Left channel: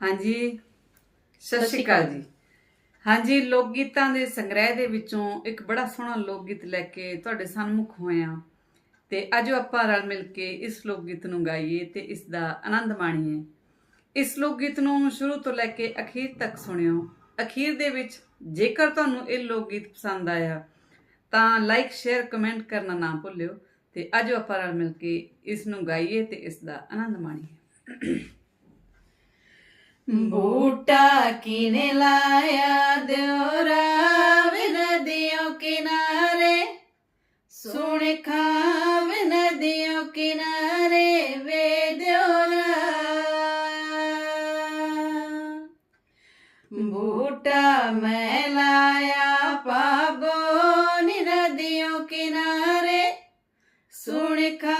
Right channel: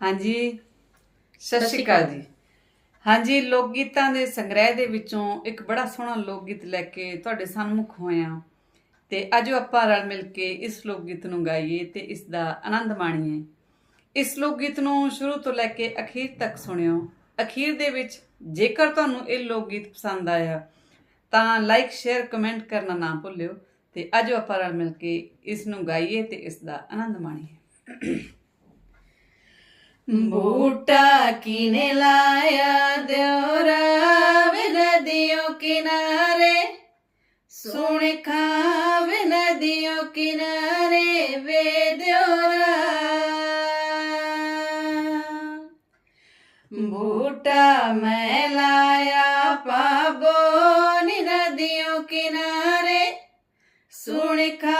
ਹਾਂਜੀ। ਸਤਿ ਸ਼੍ਰੀ ਅਕਾਲ ਜੀ। ਹਾਂਜੀ ਲੋਕ ਗੀਤਾਂ ਦੇ ਸੰਗ੍ਰਹਿ ਦੇ ਵਿੱਚੋਂ ਇੱਕ ਬੜਾ ਸੋਹਣਾ ਲੋਕ ਗੀਤ ਲੈ ਕੇ ਤੁਹਾਡੇ ਸਾਹਮਣੇ ਹੋਇਆ ਤੇ ਅੱਜ ਆਪਾਂ ਰਲ ਮਿਲ ਕੇ ਇਸ ਲੋਕ ਗੀਤ ਨੂੰ ਗਾਈਏ ਤੇ ਇਸ ਦਾ ਆਨੰਦ ਮਾਣੀਏ। ਇਸ ਲੋਕ ਗੀਤ ਨੂੰ ਸ਼ੁਰੂ ਤੋਂ ਲੈ ਕੇ ਅਖੀਰ ਤੱਕ ਸੁਣਿਓ। ਅਖੀਰ ਦੇ ਵਿੱਚ ਜੇਕਰ ਤੁਹਾਨੂੰ ਇਹ ਲੋਕ ਗੀਤ ਪਸੰਦ ਆਇਆ ਤਾਂ ਲਾਈਕ ਸ਼ੇਅਰ ਕਮੈਂਟ ਕਰਨਾ ਨਾ ਭੁੱਲਿਓ ਤੇ ਅੱਜ ਆਪਾਂ ਰਲ ਮਿਲ ਕੇ ਇਸ ਨੂੰ ਗਾਈਏ ਤੇ ਇਸ ਦਾ ਆਨੰਦ ਮਾਣੀਏ। बूटा किने लाया देवरा नदियों किनारे सुन खाव नदियों किनारे वे देवरा बूटा मैं लाया पाबो नदियों किनारे सुन खा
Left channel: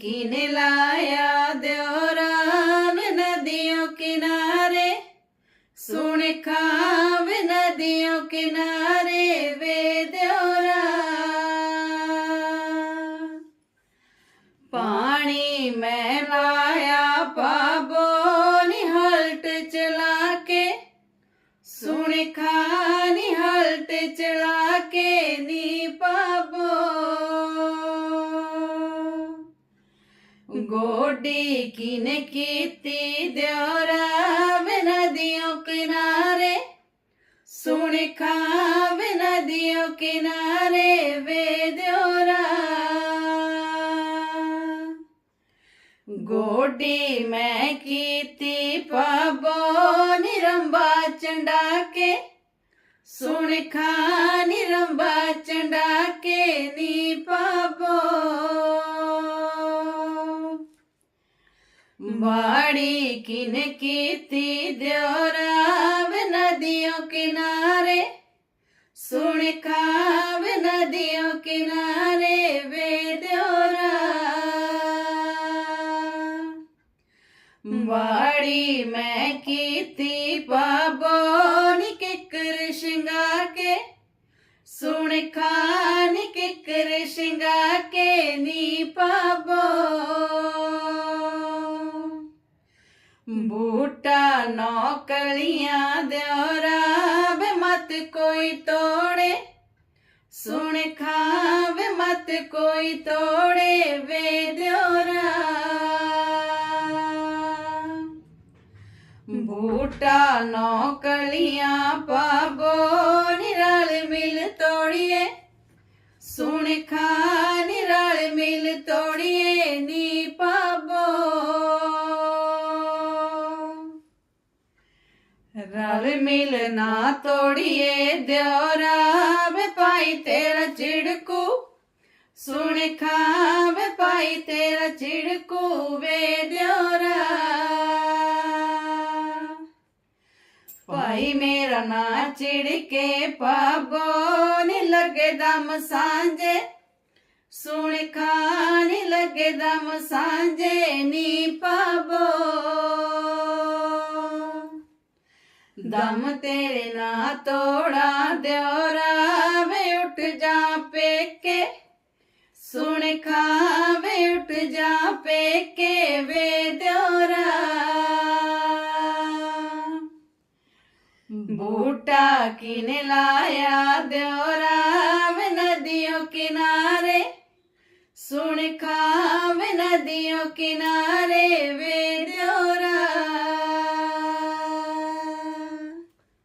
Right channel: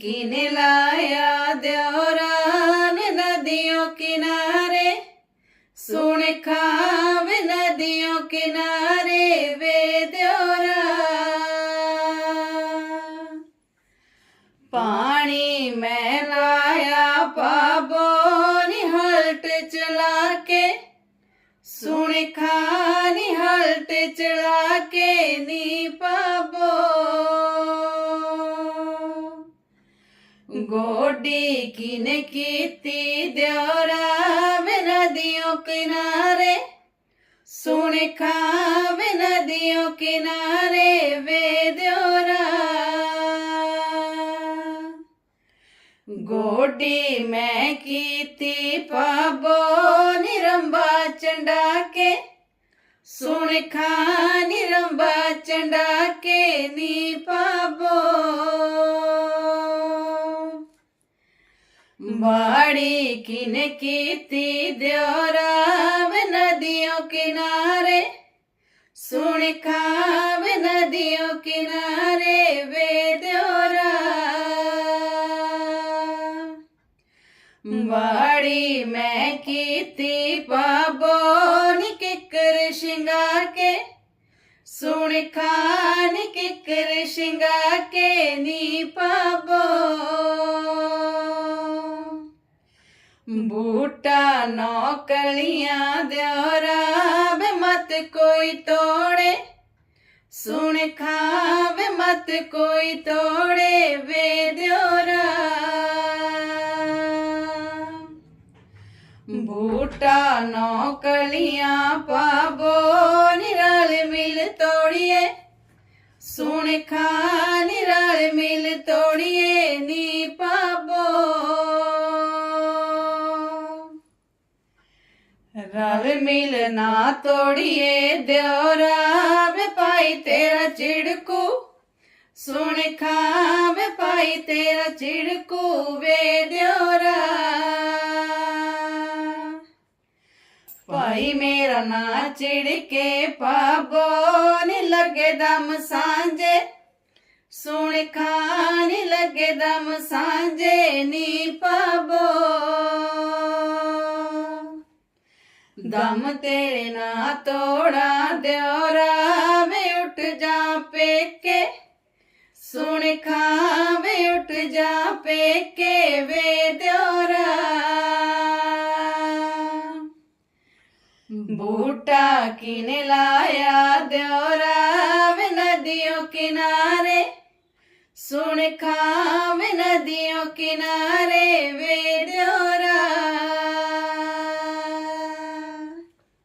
किने लाया द्योरान नदियों किनारे सुन खाव नदियों किनारे वे द्योरा पानी मैं लाया पाबो निहलट चला के सुन खा ਗੋਡੀ ਕਿਨੇ ਕੀਤੀ ਦਿਉਰਾ ਵੇ ਨਦੀਆਂ ਕਿਨਾਰੇ। ਸੁਣ ਖਾਵੇ ਨਦੀਆਂ ਕਿਨਾਰੇ ਵੇ ਦਿਉਰਾ ਗੋਡੀ ਮੈਂ ਕੀਤੀ ਪਾਬੋ ਨਿਰੰਬਾ ਚੰਡਾ ਕੇ ਸੁਣ ਖਾ ਨਿਰੰਬਾ ਚੰਡਾ ਕੇ ਨੀ ਪਾਬੋ बाड़ी किन कीती द्योराव नदियों किनारे सुन खाव नदियों किनारे वे द्योरा बाड़ी मैं कीती पाबोन किकर शिंगा के सुन खान किकर शिंगा के नी पाबोन ਬੂਟਾ ਨੌਕਲੀਆਂ ਕਲੀਆਂ ਦਿਉਰਾ ਮਤ ਕੋਈ ਤੋੜੇ। ਸੁਣ ਖਾਵੇ ਮਤ ਕੋਈ ਤੋੜੇ, ਵੇ ਦਿਉਰਾ ਬੂਟਾ ਨੌਕਲੀਆਂ ਪਾਬੋ ਨਿਰਲ ਮਿਲ ਤੋੜੀਏ। ਸੁਣ ਖਾ ਰਲ ਮਿਲ ਨਾ ਤੋੜੀਏ ਦਿਉਰਾ ਵੇ ਭਾਈ ਤੇਰਾ ਚਿੜਕੂ ਸੁਣ ਖਾ ਵੇ ਭਾਈ ਤੇਰਾ ਚਿੜਕੂ ਵੇ ਦਿਉਰਾ ਭਾਈ ਮੇਰਾ ਨਾ ਚਿੜਕੇ ਪਾਬੋ ਨੀ ਲੱਗੇ ਦਮ ਸਾਂਝੇ ਸੁਣ ਖਾਨ ਲੱਗੇ ਦਮ ਸਾਂਝੇ ਨੀ ਪਾਬੋ ਦਮ ਤੇਰੇ ਨਾ ਤੋੜਾ ਦਿਉਰਾ ਵੇ ਉੱਠ ਜਾ ਪੇਕੇ। ਸੁਣ ਖਾਵੇ ਉੱਠ ਜਾ ਪੇਕੇ, ਵੇ ਦਿਉਰਾ ਬੂਟਾ ਕਿਨ ਲਾਇਆ ਦਿਉਰਾ ਵੇ ਨਦੀਓ ਕਿਨਾਰੇ। ਸੁਣ ਖਾਵੇ ਨਦੀਓ ਕਿਨਾਰੇ, ਵੇ ਦਿਉਰਾ